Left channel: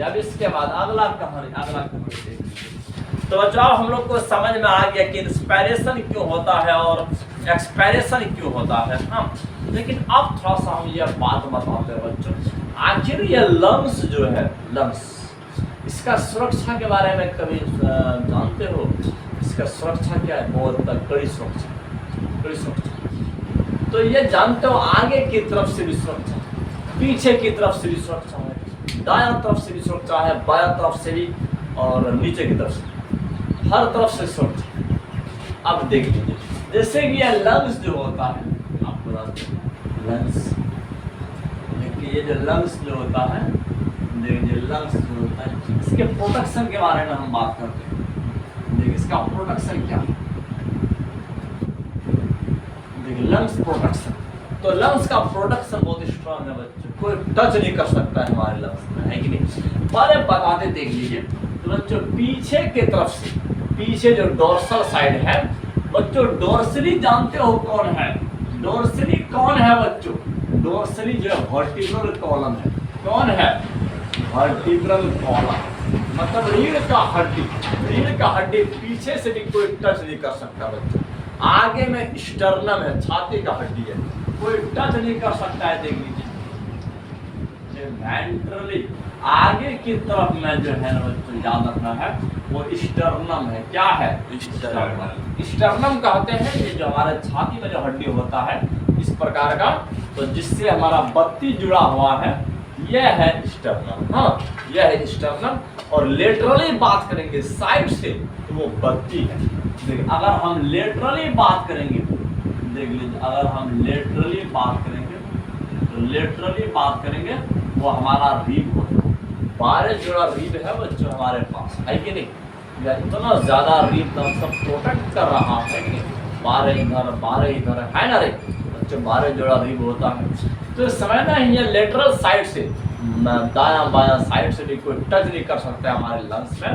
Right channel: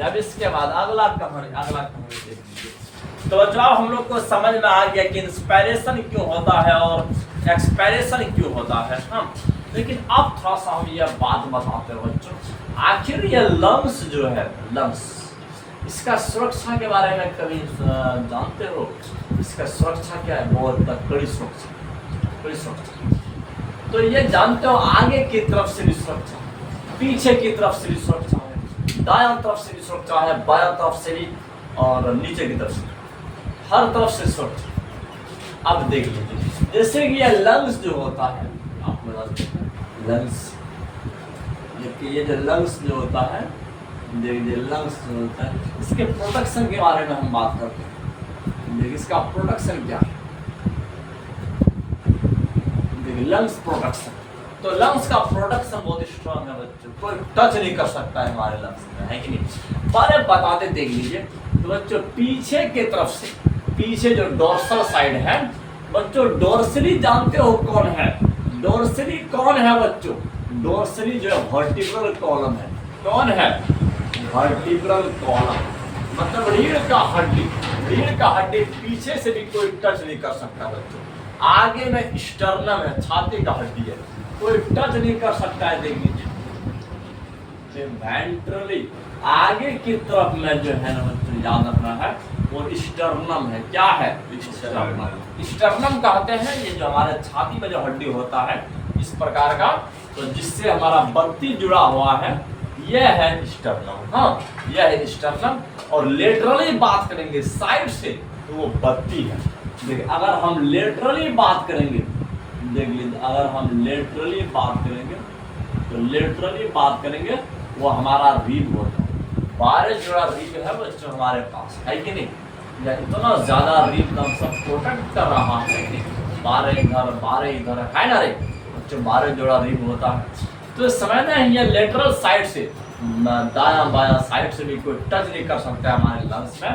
लीजिए। अब इसके बाद अगला कहानी देख लीजिए। तो जो हम लोग को समझ में आ गया कि इंस्पायरेशन क्यों होता है और एक्सपायरेशन क्यों होता है। हाँ, लेकिन अब थोड़ा सा हम ये बात बताते हैं बच्चों, आखिर ये लंग्स जो है, लंग्स, इसका सुरक्षा के बारे में कभी जानते हो? इसका सुरक्षा क्या है? बहुत कड़ी सुरक्षा। तो ये जानते हो आगे की तरफ से भी सुरक्षा, पीछे की तरफ से भी सुरक्षा है, दायां तरफ से भी सुरक्षा है, बायां तरफ से भी और नीचे की तरफ से, हर तरफ से सुरक्षा। अब देख लीजिए, जैसे कि ये लंग्स जो होता है, आपको जानते हैं लंग्स, ये जो लंग्स जो होता है, देखिए लंग्स जो होता है, इसके प्रोटेक्शन के बारे में हम बात करते हैं। देखिए इसका प्रोटेक्शन क्या है, देखिए लंग्स प्रोटेक्शन। तो लंग्स का प्रोटेक्शन बहुत स्ट्रांग है बच्चों, कोई टच नहीं कर सकता है हमारे लंग्स में, है कि नहीं? बारे बताते देख लीजिए। तो बच्चों पीछे के तरफ से, पीछे जो डोर्सल साइड है बच्चों, डोर्सली जानते हो कौन है? डोर्सली कौन है बच्चों? डोर्सली जो है वर्टिब्रल कॉलम है। कौन है? वर्टिब्रल कॉलम, मतलब रीढ़ का हड्डी। रीढ़ का हड्डी पीछे से भी कोई टच नहीं कर सकता बच्चों। आगे में स्टर्नम है, छाती का हड्डी है, कोई टच नहीं कर सकता है। देख लीजिए वेंट्रली आगे की तरफ में जो है ना बच्चों, याद रखना है, वो स्टर्नम है। क्या है? स्टर्नम कहते हैं ये जो हमारे छाती में जो हड्डी होता है इस प्रकार का, तो जिससे हमारा बत्ती जुड़ा हुआ है, यह है स्टर्नम। हाँ, यह है स्टर्नम। और लेटरली बात करेंगे साइड से, तो वो बत्ती है। देखिए अगर हम लेटरली बात करेंगे, देख लीजिए अगर हम लेटरली बात करेंगे, तो लेटरली बात करेंगे वो हमारा रिब होता है। 12 जोड़ा रिब है बच्चों हमारे पास, है कि नहीं? या इतना ज्यादा रिब हम सब प्रोटेक्ट कर रहा है कि नहीं? 12 इधर 12 इधर है ना रे बच्चों, 12 जोड़ा रिब होता है। तो समझना है ये लेटरल साइड से, दायां बायां साइड से भी कोई टच नहीं कर सकता है हमारे लंग्स में।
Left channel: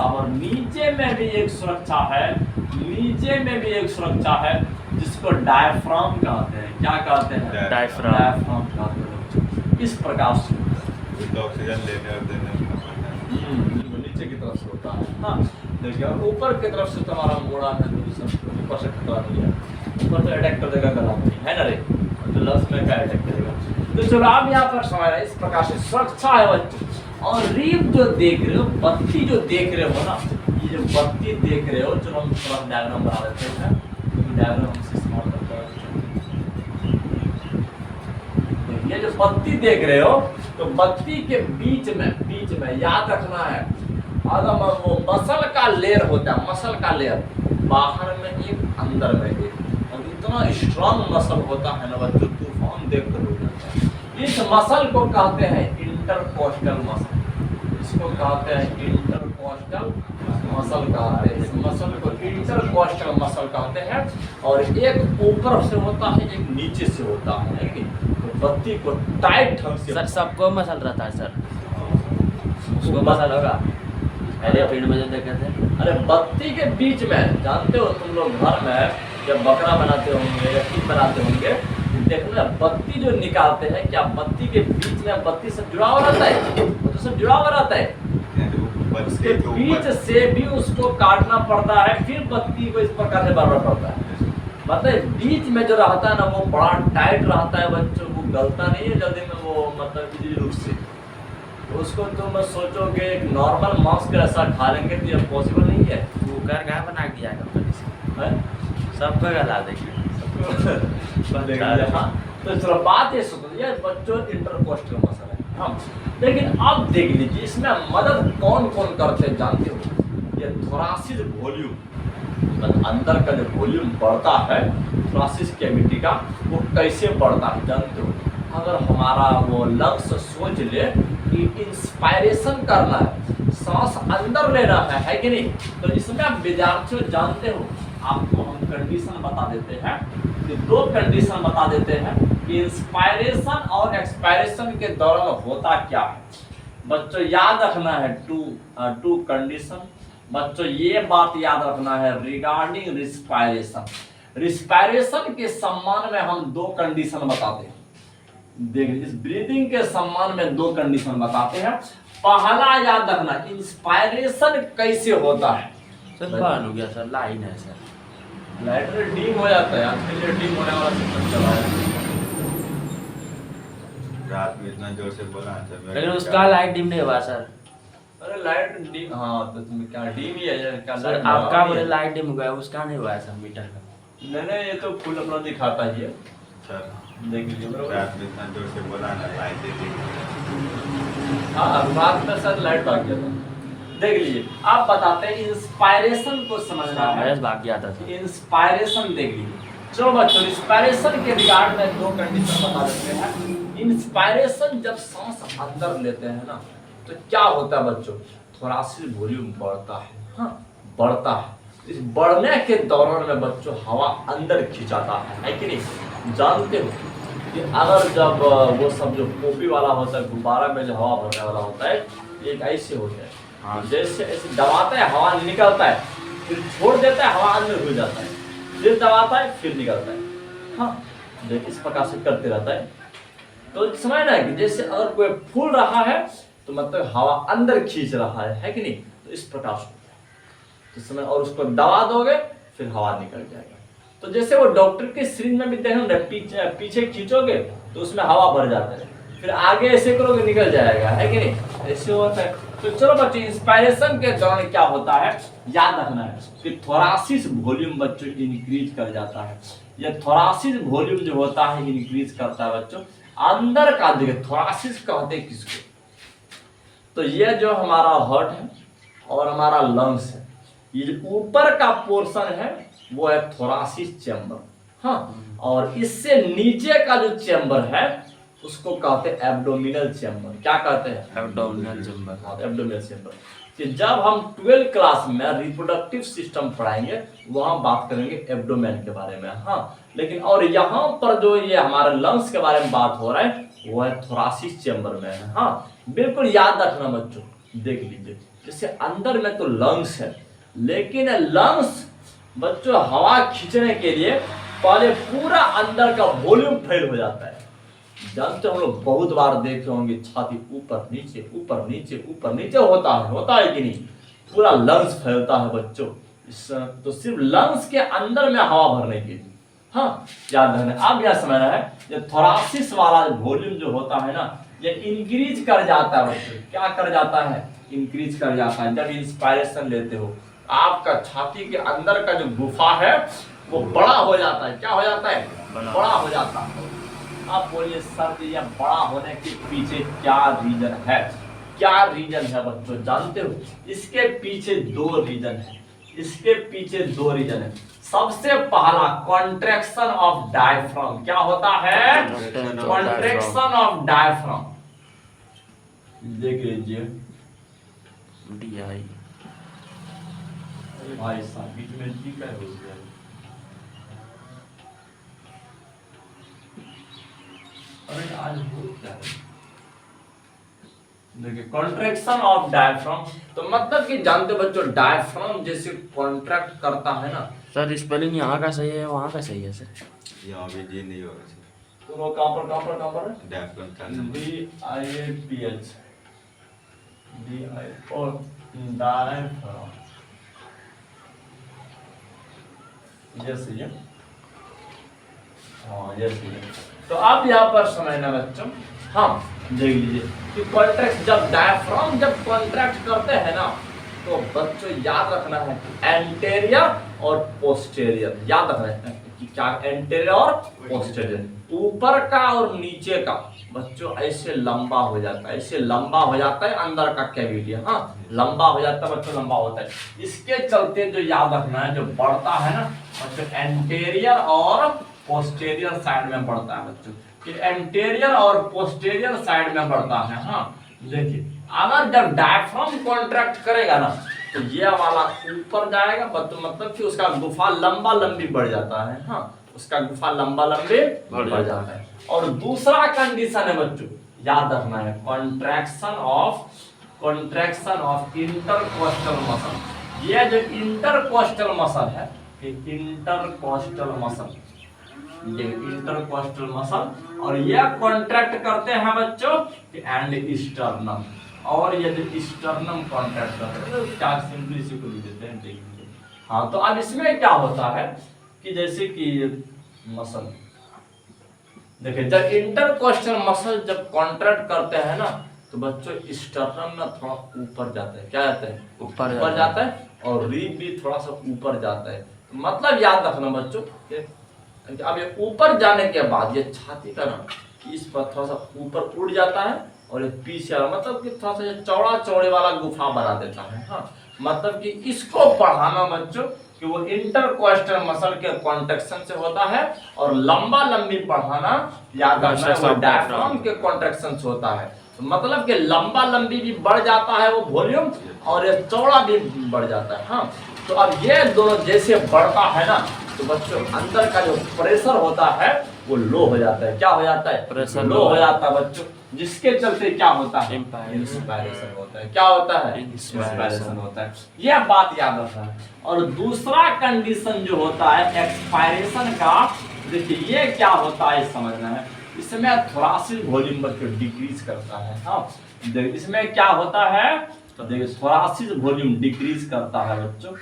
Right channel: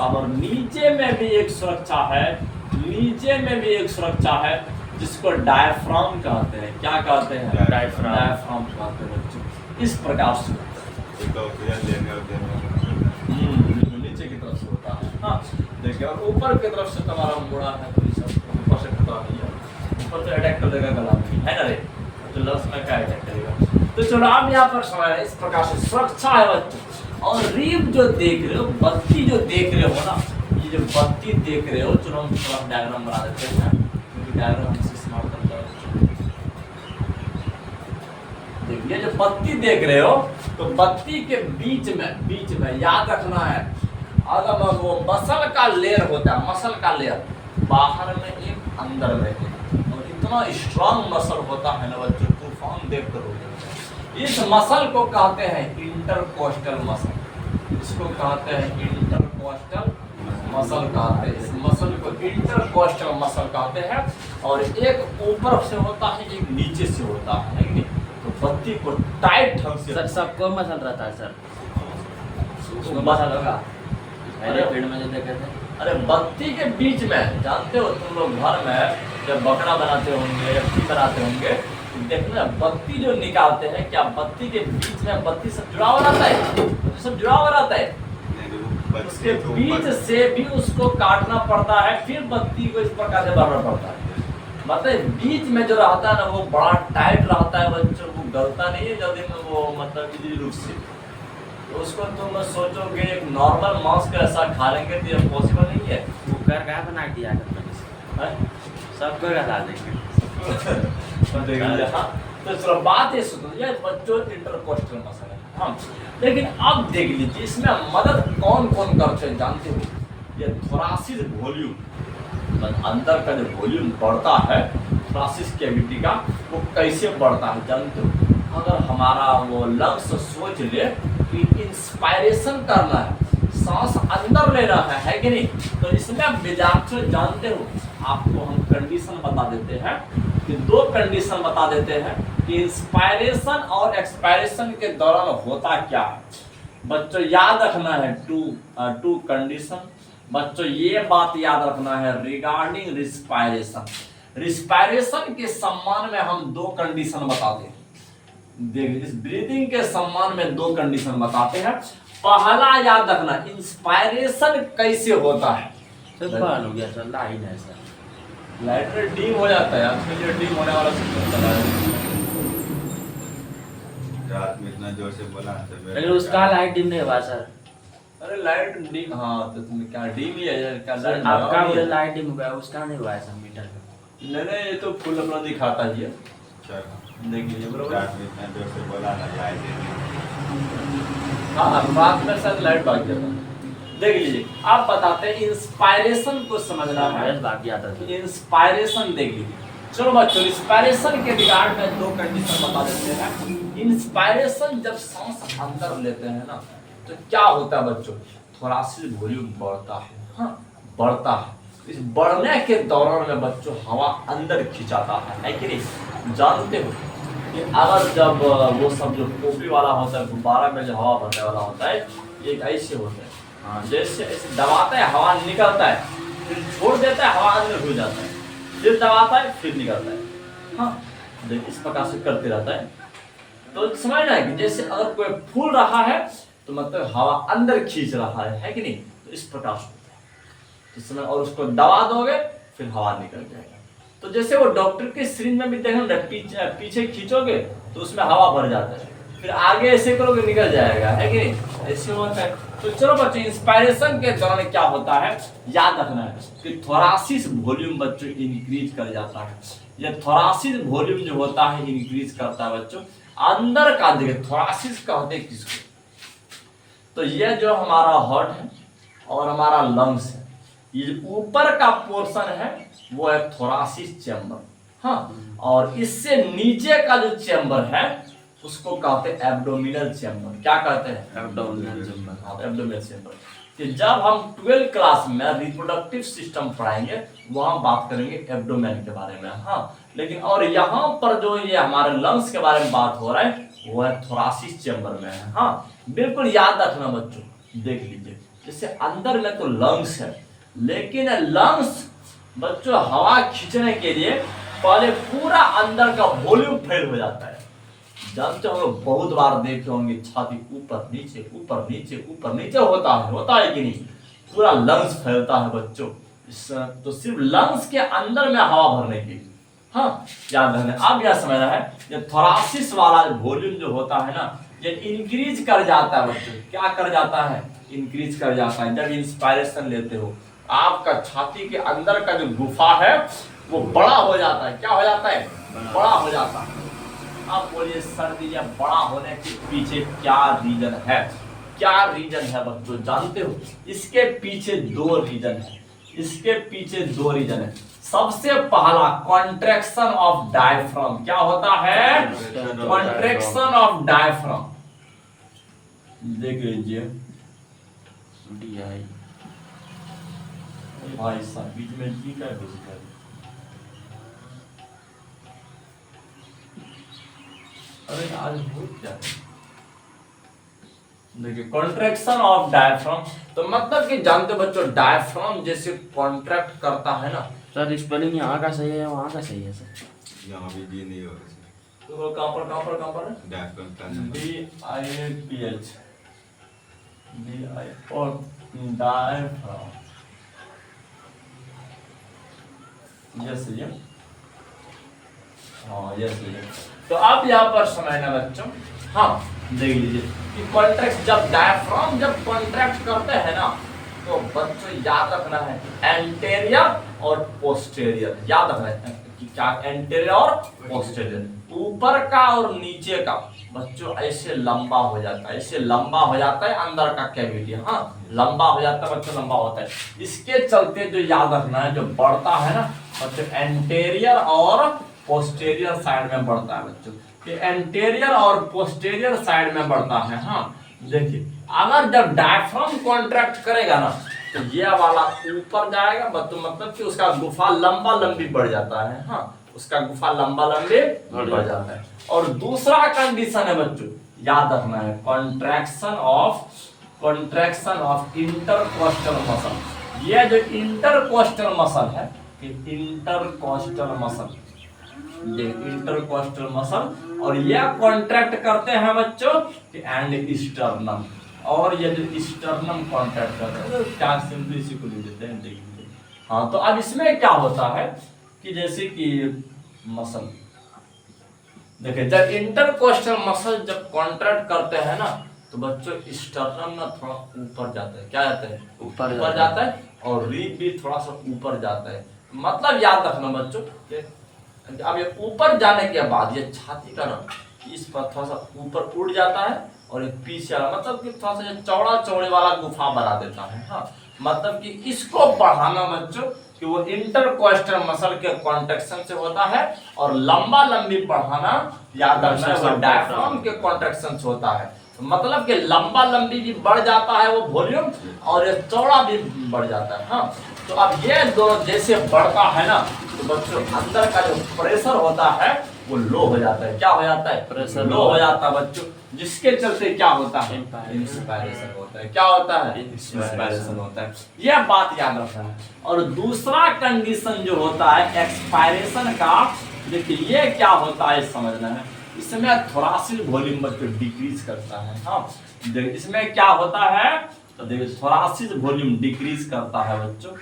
और नीचे में भी एक सुरक्षा है, नीचे में भी एक सुरक्षा है जिसको डायफ्राम कहते हैं। क्या कहते हैं? डायफ्राम कहते हैं। इस प्रकार से नीचे की तरफ से होता है। हाँ देखिए, और ऊपर की तरफ से तुम्हारा मोड़ा है, तो ऊपर से खतरा नहीं है, ऊपर से अटैक कर देगा गला में, है ना रे? तो लंग्स में क्या अटैक करेगा? तो चलो आप यहाँ पर समझ रहे हैं, इस प्रकार से सुरक्षा है बच्चों। और रीब जो देख रहे हो, बत्ती जो देख रहे हो ना, ये जो बत्ती देख रहे हो, चलो हम थोड़ा डायग्राम बना देते हैं, क्योंकि डायग्राम हमसे स्मार्ट करता है। देखिए जो बत्ती देख रहे हो, तो बत्ती के बीच में याद रखना है, अगर वो मसल का लेयर होता है, मसल का लेयर बाहर में एक, अंदर में एक, और इतना स्ट्रांग मसल होता है ना बच्चों, तूफान देख कर हो जाता है। इस मसल को कहते हैं इंटरकोस्टल मसल, इसको कहते हैं इंटरकोस्टल मसल कहते हैं। इस मसल को इंटरकोस्टल मसल कहते हैं। और एक ऊपर से होता है, एक नीचे से होता है कि नहीं? तो बत्ती को टाइट ढंग से, सर सबको मसल रहता है सर, उसको मसल होगा। पहले पेड़ में जो देखे थे। अरे बत्ती के बीच में, जानते हो तुम लोग घर में जब बकरा बनाते होंगे या टीम बनाते होंगे, देखना बत्ती जो निकालते हैं, क्या बत्ती के बीच में बत्ती सब जुड़ा हुआ रहता है? तो सब जुड़ा हुआ रहता है, उसके बीच से भी उसको काटना पड़ता है, फिर बत्ती को इस प्रकार से भरना पड़ता है। मतलब बीच में जो रहता है ना, वो बड़ा टाइट रहता है बच्चों, वो गलता नहीं है जल्दी में, वो मतलब इजी रूप से। तो उसको तुम सोचोगे एक नॉर्मल मांस का ऐसा खा लेंगे तो ये पॉसिबल नहीं है। कुकर का बना दिया है? सबको गला देंगे। हाँ, तो चलो बात ये सुन लीजिए बच्चों, इंटरकोस्टल मसल है। हाँ, लेकिन अब देख लीजिए इसमें मदद कौन कौन करते हैं जानते हो? ये थोरासिस वॉल्यूम, अंदर का जो वॉल्यूम बढ़ता है थोरासिस कैविटी का, वो कैसे बढ़ता है जानते हो? अगर हमारा वो लंग्स सोच ले कि इंस्पायरेशन करना है, सांस अंदर लेना है कि नहीं? तो इसमें विद्यार्थी जानते हो, आपको हम कंडीशन बता देते हैं कि 2 कंडीशन बता देते हैं कि इंस्पायरेशन और एक्सपायरेशन के दौरान होता क्या है। बच्चों याद रखना है टू कंडीशन। बच्चों ये बात याद रखना है रिगार्डिंग रिस्पायरेशन। रिस्पायरेशन के सम्मान में हम 2 कंडीशन बताते हैं। देख, इस ब्रीदिंग के सम्मान में 2 कंडीशन बताते हैं। पहला याद रखना, इंस्पायरेशन कैसे होता है। सर बंद हो गया सर, लाइन है सर। लाइटर डीम हो जाता है, आज के लिए डीम होने वाला सिस्टम चला है। रात में इतना जोर से बोला ना सर, लेकिन उसका लाइट डिम नहीं हुआ सर। अरे लाइट डीम, हाँ तो तुम्हें क्या डीम ही है क्या? सर लाइट आपका लगा बोले है? लाइट डिम हुआ है, उसका नहीं हुआ है सर मीटर का। नहीं नहीं, ये तो फुल अपना दिखाता ही है, सर देख लीजिए बरोबर। रात में इतना जोर से बोला ना, लाइट हाँ रात में शायद लाइट भाग गया था। देख लीजिए, आप बताते हैं इंस्पायरेशन को समझना है। बाकी आता था। इंस्पायरेशन देख लीजिए। चलो बच्चों, इंस्पायरेशन के रिगार्ड में दो कंडीशन बता देते हैं। इंस्पायरेशन जब सांस अंदर लेते हैं ना, तो क्या होता है बच्चों, थोरासिक वॉल्यूम बढ़ता है, हाँ बढ़ता है। इस बढ़ने के दौरान में बच्चों हवा अंदर खिंचाता है कि नहीं? जानते हो कि अगर जब वो सब जो टोपी वाला होता है, गुब्बारा में जो हवा भरने वाला होता है, एक ऐसे होता है, हाँ जैसे ऐसे दबाता है हवा निकलता है, फिर छोड़ देता है हवा अंदर घुस जाता है, फिर दबाता है फिर निकलता है, हाँ देख इस प्रकार से करते रहता है। तो समझना है कि जैसे अगर कोई फूल रहा है तो मतलब हवा अंदर खींच रहा है कि नहीं? तो इस प्रकार से होता है। इस समय और उसको दबा दोगे फिर हवा निकल जाएगा। तो जैसे वो डॉक्टर के सिरिंज में भी देखना, पीछे खींचोगे तो उसमें हवा भर जाता है, फिर आगे ऐसे करोगे निकल जाएगा, है कि नहीं? ऐसे होता है। तो चलो बच्चों, इंस्पायरेशन के दौरान क्या होता है याद रखना है कि थोरासिक वॉल्यूम बच्चों इंक्रीज कर जाता है। ये थोरासिक वॉल्यूम जो होता है इंक्रीज करता है बच्चों अंदर का। देखिए थोरासिस कहते हैं किसको? तो ये जो हमारा हार्ट है और हमारा लंग्स है, ये जो ऊपर का पोर्शन है वो है थोरासिक चैम्बर, हाँ। और इससे नीचे का जो चैम्बर है उसको कहते हैं एब्डोमिनल चैम्बर। क्या कहते हैं? Abdominal chamber. हाँ एब्डोमिनल चैम्बर। कि जब हम 12th क्लास में रिप्रोडक्टिव सिस्टम पढ़ाएंगे वहां बात करेंगे एब्डोमेन के बारे में, हाँ। लेकिन और यहाँ पर जो ये हमारे लंग्स के बारे में बात हो रहा है वो है थोरासिक चैम्बर में है, हाँ। बिल्कुल याद रखना बच्चों, देख लीजिए जैसे अंदर में तो लंग्स है, लेकिन लंग्स बच्चों हवा खींचने के लिए पहले पूरा अंदर का वॉल्यूम फेल हो जाता है। जानते हो हम लोग बहुत बार देखे होंगे छाती ऊपर नीचे ऊपर नीचे ऊपर नीचे होता है कि नहीं? पूरा लंग्स फैलता है बच्चों। तो सिर्फ लंग्स के अंदर में हवा भरने के लिए, हाँ याद रखना। अब यह समझना है जब थोरासिस वाला वॉल्यूम जो होता है ना, ये इंक्रीज कर जाता है बच्चों। क्या कर जाता है? इंक्रीज कर जाता है। जब इंस्पायरेशन लेते हो आपका छाती के अंदर का जो गुफा है वो बड़ा हो जाता है। क्या हो जाता है? बड़ा हो जाता है। आप बोलिए सर जी, यह बड़ा होने के पीछे क्या रीजन है? क्या रीजन है बच्चों जानते हो? इसके पीछे दो रीजन है। इसके पीछे दो रीजन है। सबसे पहला कॉन्ट्रैक्शन ऑफ डायफ्राम। क्या होता है? Contraction of diaphragm. देख लीजिए भाई साहब बीच में जी का घुस गया। अरे आज हो क्या है? देखिए कॉन्ट्रैक्शन ऑफ डायफ्राम, तो मतलब कि जानते बच्चों डायफ्राम जैसे कॉन्ट्रैक्ट करता है ना। सर स्पेलिंग यहाँ का सही है वहाँ का सही है सर? यहाँ भी जी नहीं होगा सर। तो वो कहाँ पर है? डायफ्राम का नंबर DIAPH और डायफ्राम। यस ये, हाँ यस ये। तो आप यहाँ पर समझना बच्चों, हाँ देख लीजिए कि कॉन्ट्रैक्ट जब डायफ्राम जब कॉन्ट्रैक्ट करते हैं ना, तो बच्चों याद रखना है एंटेरियर और पोस्टेरियर। याद रखना है कि क्या एंटेरियर और पोस्टेरियर, ऊपर का और नीचे का बच्चों ऐसे लंबा हो जाता है, ऐसे लंबा हो जाता है अंदर का कैविटी, हाँ लंबा हो जाता है बच्चों, लंबा होता है। इसके चलते जो याद रखना है जो बढ़ता है ना बच्चों एंटेरियर और पोस्टेरियर साइड में बढ़ता है बच्चों, कि एंटेरियर और पोस्टेरियर साइड में बढ़ता है, हाँ। देखिए अगर जब डायफ्राम कॉन्ट्रैक्ट करेगा ना तो ये वाला ऊपर जाएगा बच्चों, मतलब कि उसका गुफा लंबा लंबी बढ़ जाता है, हाँ उसका गुफा लंबा लंबी बढ़ जाता है। और दूसरा कंडीशन है बच्चों याद रखना है कॉन्ट्रैक्शन ऑफ इंटरकोस्टल मसल। ये जो इंटरकोस्टल मसल है, इंटरकोस्टल मसल, ये इंटरकोस्टल मसल, और यह कॉन्ट्रैक्ट करते हैं बच्चों एंड स्टर्नम। और ये जो स्टर्नम कॉन्ट्रैक्ट कर रहे हैं, क्या सिंपली इसी को लिख देते हैं, देख लीजिए। हाँ, तो अब इसमें क्या होता है कि जैसे कि मसल, देखिए जब इंटरकोस्टल मसल जब कॉन्ट्रैक्ट करते हैं ना, तो बच्चों स्टर्नम ना थोड़ा ऊपर जाता है, क्या जाता है, ऊपर जाता है, और रिब भी थोड़ा सा ऊपर जाता है। मतलब याद रखना बच्चों, अब ये ऊपर जाने के बाद ये छाती का ना इस पर थोड़ा सा ऊपर उड़ जाता है, और ये पीछे मतलब कि थोड़ा सा चौड़ा चौड़े वाला गुफा बना देता है। हाँ, मतलब कि इसको बढ़ाना बच्चों कि वो इंटरकोस्टल मसल के कॉन्ट्रैक्शन से होता है, और लंबा लंबी बढ़ाना याद रखना है वो डायफ्राम के कॉन्ट्रैक्शन से होता है। तो मतलब कि लंबा लंबी भी बढ़ जाता है वो वॉल्यूम, और ये चौड़ा भी बढ़ जाता है। हाँ, तो अब ये दोनों जैसे बढ़ता है ना, तो बच्चों अंदर का जो प्रेशर होता है वो लो हो जाता है। क्या हो जाता है, प्रेशर लो हो जाता है बच्चों, जिसके चलते क्या होता है, इंस्पायरेशन होता है। क्या होता है, इंस्पायरेशन होता है। यह बात याद रखना है। और दूसरा कंडीशन जो होता है एक्सपायरेशन का, देखिए ये क्या होता है समझना है। इसमें थोरासिक वॉल्यूम बच्चों डिक्रीज करता है। हाँ, देखिए इसमें क्या होता है, तो देखिए थोरासिक वॉल्यूम डिक्रीज करता है बच्चों।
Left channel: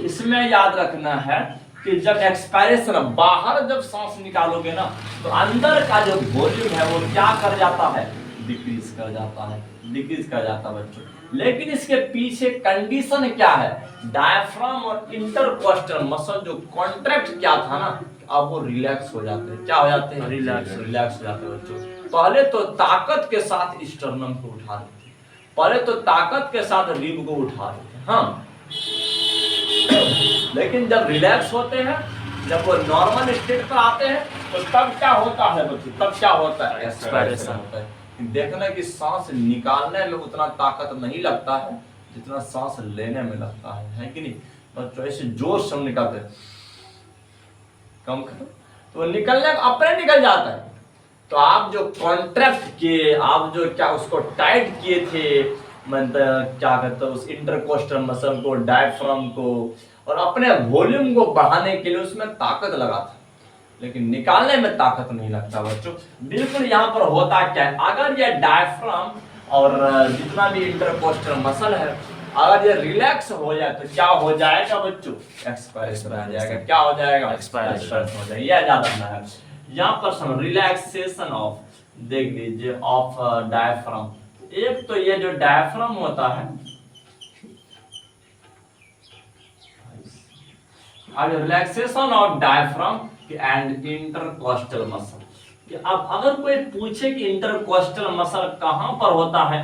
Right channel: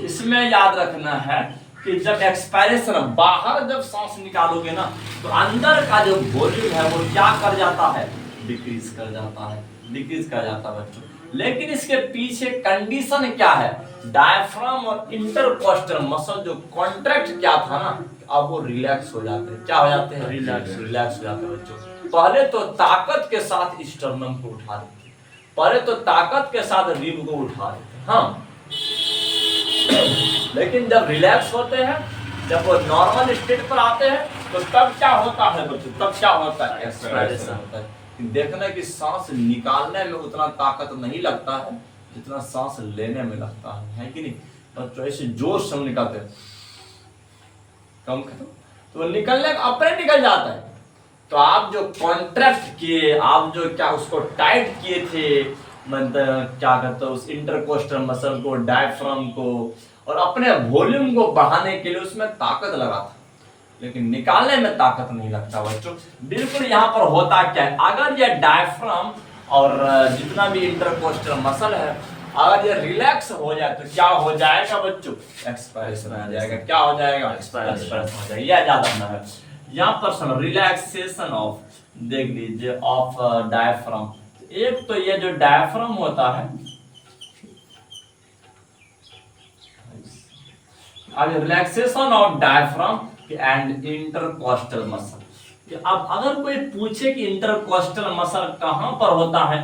इसमें याद रखना है कि जब एक्सपायरेशन बाहर जब सांस निकालोगे ना, तो अंदर का जो वॉल्यूम है वो क्या कर जाता है, डिक्रीज कर जाता है, डिक्रीज कर जाता है बच्चों। लेकिन इसके पीछे कंडीशन क्या है, डायफ्राम और इंटरकोस्टल मसल जो कॉन्ट्रैक्ट क्या था ना, अब वो रिलैक्स हो जाते हैं। क्या हो जाते हैं, रिलैक्स हो जाते हैं बच्चों। पहले तो ताकत के साथ स्टर्नम को उठा देते हैं, पहले तो ताकत के साथ रिब को उठा देते हैं। हाँ, लेकिन जब रिलैक्स होते हैं, जब वो नॉर्मल स्टेट पर आते हैं, तो तब क्या होता है बच्चों, तब क्या होता है, एक्सपायरेशन होता है। देखना कि सांस निकालने में उतना ताकत नहीं लगता है जितना सांस लेने में लगता है कि नहीं बच्चों। ऐसे जोश से निकालते हैं, कम खत्म, तो निकलने का अपने निकल जाता है। तो आप जो कॉन्ट्रैक्ट किए, आप जो क्या उसको टाइट किए थे, मतलब क्या कहते हैं उस इंटरकोस्टल मसल को, डायफ्राम को, और अपने वॉल्यूम को बढ़ाने के लिए उसमें ताकत लगा था, लेकिन निकालने में ताकत नहीं लगता बच्चों। बिल्कुल यहाँ पर होता क्या है, अगर ये डायफ्राम और जितना भी इंटरकोस्टल मसल है अगर ये रिलैक्स हो जाए तो क्या हो जाएगा बच्चों, एक्सपायरेशन हो जाएगा। क्या हो जाएगा, एक्सपायरेशन हो जाएगा। यह याद रखना है। यहाँ पर सुनो, रिलैक्सेशन ऑफ, देख लीजिए, ऑफ डायफ्राम। एक तो ये जो डायफ्राम होता है, relaxation of diaphragm and intercostal muscle. अब अगर कोई पूछे कि इंटरकोस्टल मसल कहां पर होता है,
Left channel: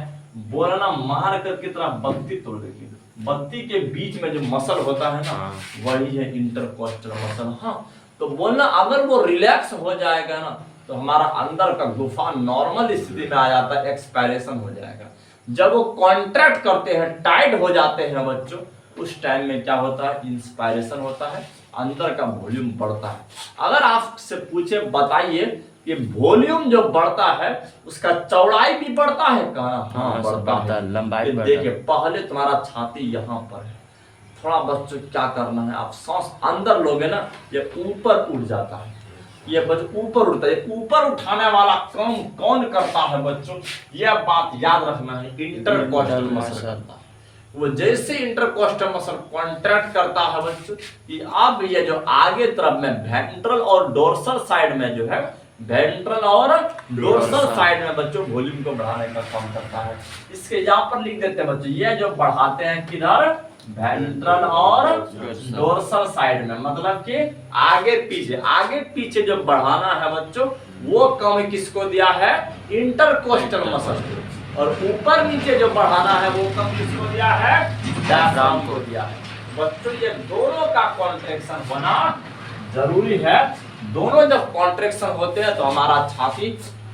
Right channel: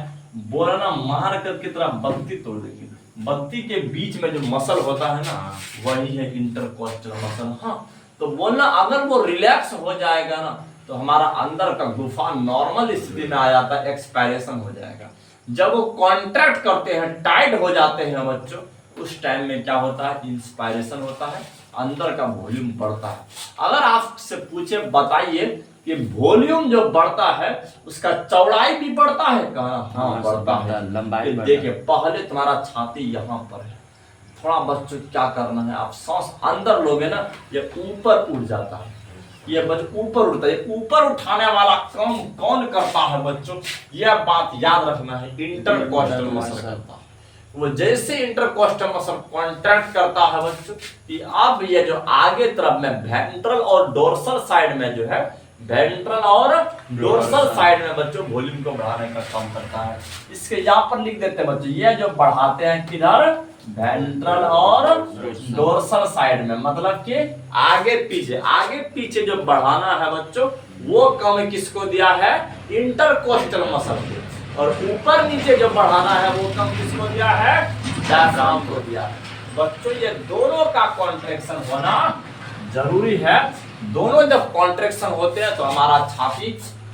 बोलना मार कर की तरह बत्ती तोड़ देगी। बत्ती के बीच में जो मसल होता है ना, वही है इंटरकोस्टल मसल। हाँ, तो बोलना अगर वो रिलैक्स हो जाएगा ना, तो हमारा अंदर का गुफा नॉर्मल स्थिति में आ जाता है, एक्सपायरेशन हो जाएगा। जब वो कॉन्ट्रैक्ट करते हैं, टाइट हो जाते हैं बच्चों, उस टाइम में क्या होता है, इंस्पायरेशन होता है, अंदर का वॉल्यूम बढ़ता है। अगर आपसे पूछे बताइए कि वॉल्यूम जो बढ़ता है उसका चौड़ाई भी बढ़ता है, कहा हाँ बढ़ता है, लंबाई। देखिए पहले तुम्हारा छाती यहाँ पर है, थोड़ा बच्चों क्या करना है, आप सांस अंदर लोगे ना, ये ऊपर उठ जाता है, ये बच्चों ऊपर उठता है। ऊपर उठाने वाला काम कौन करता है बच्चों, यह बात याद रखना है, इंटरकोस्टल मसल करता है। वो जैसे इंटरकोस्टल मसल कॉन्ट्रैक्ट करता है बच्चों, कि अब ये जो आगे तरफ में वेंट्रल और डोर्सल साइड में जो है, वेंट्रल और डोर्सल साइड में बच्चों वॉल्यूम को बढ़ाने का काम करता है। इसके यहाँ पर लिख देते हैं बच्चों, ये जो बढ़ाते हैं किधर, वेंट्रल और डोर्सल साइड में, मतलब कि आगे पीछे जो बढ़ाना है बच्चों, वो काम किसको दिया है, इंटरकोस्टल मसल को। और ऊपर नीचे जो बढ़ाना है वो काम किसको दिया है, डायफ्राम को दिया है। बच्चों ये दोनों का कॉन्ट्रैक्शन होना जरूरी है। दोनों जब कॉन्ट्रैक्शन होते हैं तो हमारा छाती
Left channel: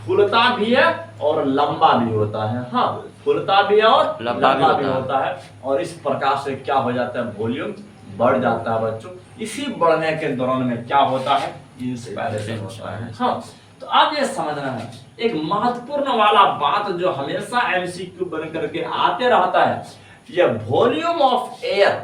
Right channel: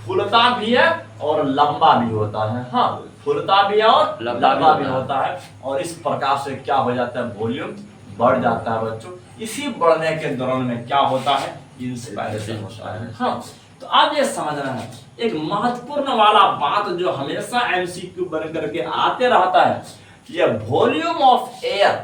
फूलता भी है और लंबा भी होता है। हाँ, फूलता भी है और लंबा भी होता है, और इस प्रकार से क्या हो जाता है, वॉल्यूम बढ़ जाता है बच्चों। इसी बढ़ने के दौरान में क्या होता है, इंस्पायरेशन होता है। हाँ, तो अब ये समझना है एक महत्वपूर्ण वाला बात जो हमेशा एमसीक्यू बन करके आते रहता है, ये वॉल्यूम ऑफ एयर,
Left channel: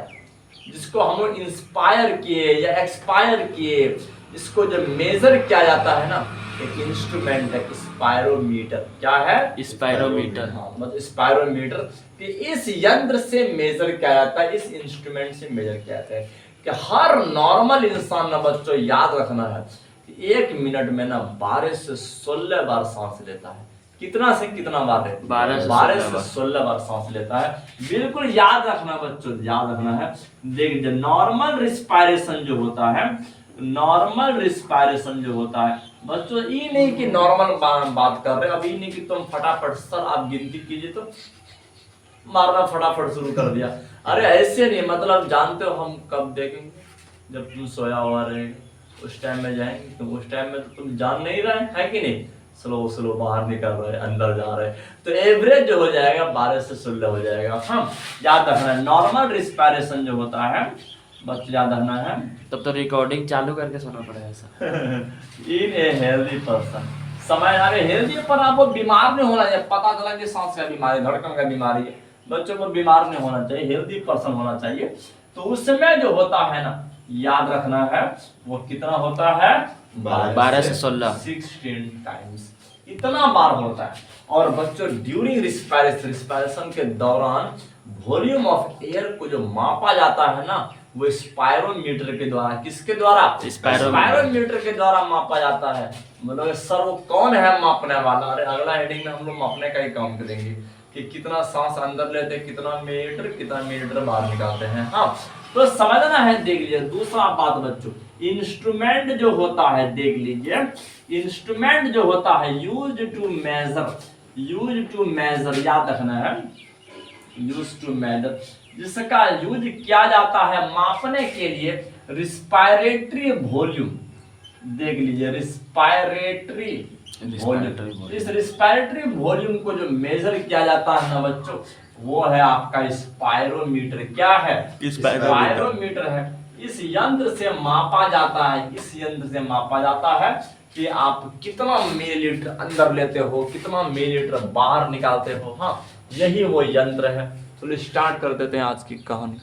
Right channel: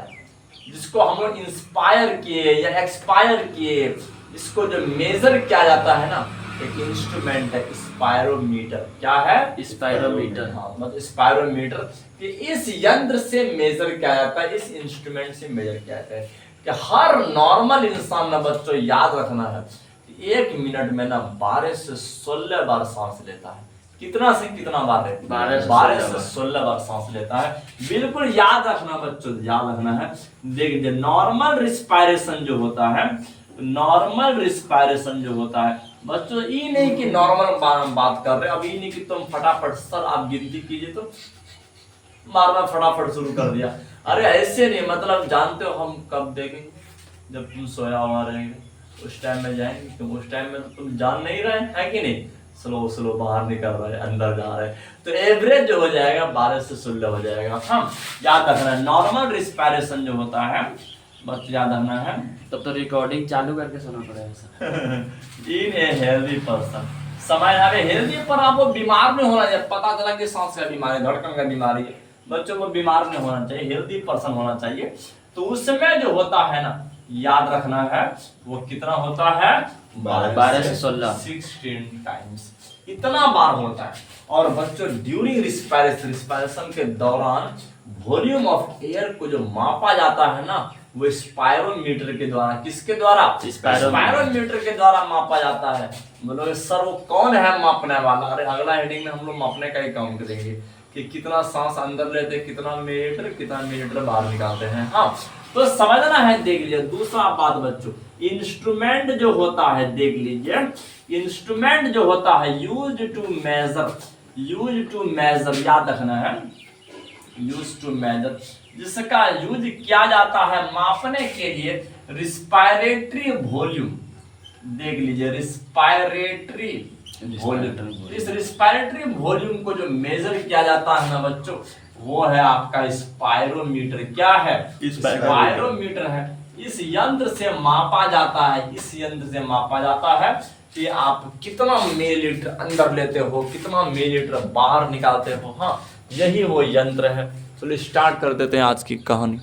जिसको हम लोग इंस्पायर किए या एक्सपायर किए, इसको जब मेजर किया जाता है ना, एक इंस्ट्रूमेंट है स्पायरोमीटर। क्या है? स्पायरोमीटर। हाँ, मतलब स्पायरोमीटर कि इस यंत्र से मेजर किया जाता है, इस इंस्ट्रूमेंट से मेजर किया जाता है कि हर नॉर्मल इंसान ना बच्चों याद रखना है कि 1 मिनट में ना 12 से 16 बार सांस लेता है। कितना से कितना बार लेता है? 12 से 16 बार सांस लेता है। बिल्कुल याद रखना बच्चों, याद रखना है। देख नॉर्मल रिस्पायरेशन जो होता है, नॉर्मल रिस्पायरेशन जो होता है बच्चों, ये नहीं कि नॉर्मल बात कर रहे, अब ये नहीं कि तुम फटाफट सर आप गिनती कीजिए तो मारना फटाफट शुरू कर दिया। अरे ऐसे नहीं, मतलब जानते हो हम कब देखेंगे? जब तुम सोया हुआ रहेगा उस टाइम में जाएंगे, तुम उस टाइम में तुम जान नहीं रहे है कि नहीं? स्लो स्लो बाहर निकल रहे, अंदर जा रहे, तो एवरेज जो हो जाएगा 12 से 16 हो जाएगा। हाँ, याद रखना है नॉर्मल रिस्पायरेशन जो होता है बस याद रखना है। तब तो रिकॉर्डिंग चालू करके सुनना पड़ेगा sir. In a healthy person, समय अरे हेल्दी पर आपको बीमार नहीं होना चाहिए। पता चला कि सांस का बीमारी, धड़कन का बीमारी है, बच्चों को बीमार नहीं होना चाहिए, हेल्दी पर्सन होना चाहिए। तो उसमें जो होता है ना, याद रखना है वो कितना होता है? 12 से 16 टाइम्स, इतना बार होता है। और बच्चों ड्यूरिंग रिस्पायरेशन के दौरान वॉल्यूम ऑफ एयर को जो मापा जाता है ना, वो स्पायरोमीटर के द्वारा, किसके द्वारा? स्पायरोमीटर के द्वारा मापा जाता है। मतलब सर वो कौन है मापने वाला? अरे अगला हेडिंग में हम लोग मापने का ही काम करेंगे कि कितना सांस अंदर लेते हैं, कितना मिलीलीटर बाहर निकालते हैं। हाँ, तो समझना है। देख लीजिए दूसरा बात बच्चों, इंस्ट्रूमेंट जो होता है, देख लीजिए इंस्ट्रूमेंट जो होता है यूज टू मेजर, याद रखना है, यूज टू मेजर, जिसका यूज किया जाता है मापने के लिए रिस्पायरेटरी वॉल्यूम। देख लीजिए रिस्पायरेटरी वॉल्यूम, इस रिस्पायरेटरी वॉल्यूम को जो मेजर किया जाता है ना बच्चों, वो है आपका स्पायरोमीटर। क्या है? स्पायरोमीटर है। इस यंत्र से मापा जाता है, इस यंत्र से मापा जाता है कि आप कितना मिलीलीटर अंदर लेते हो, कितना मिलीलीटर बाहर निकालते हो। हाँ, यही वो यंत्र है। चलो स्टार्ट कर देते हैं आज की कहानी।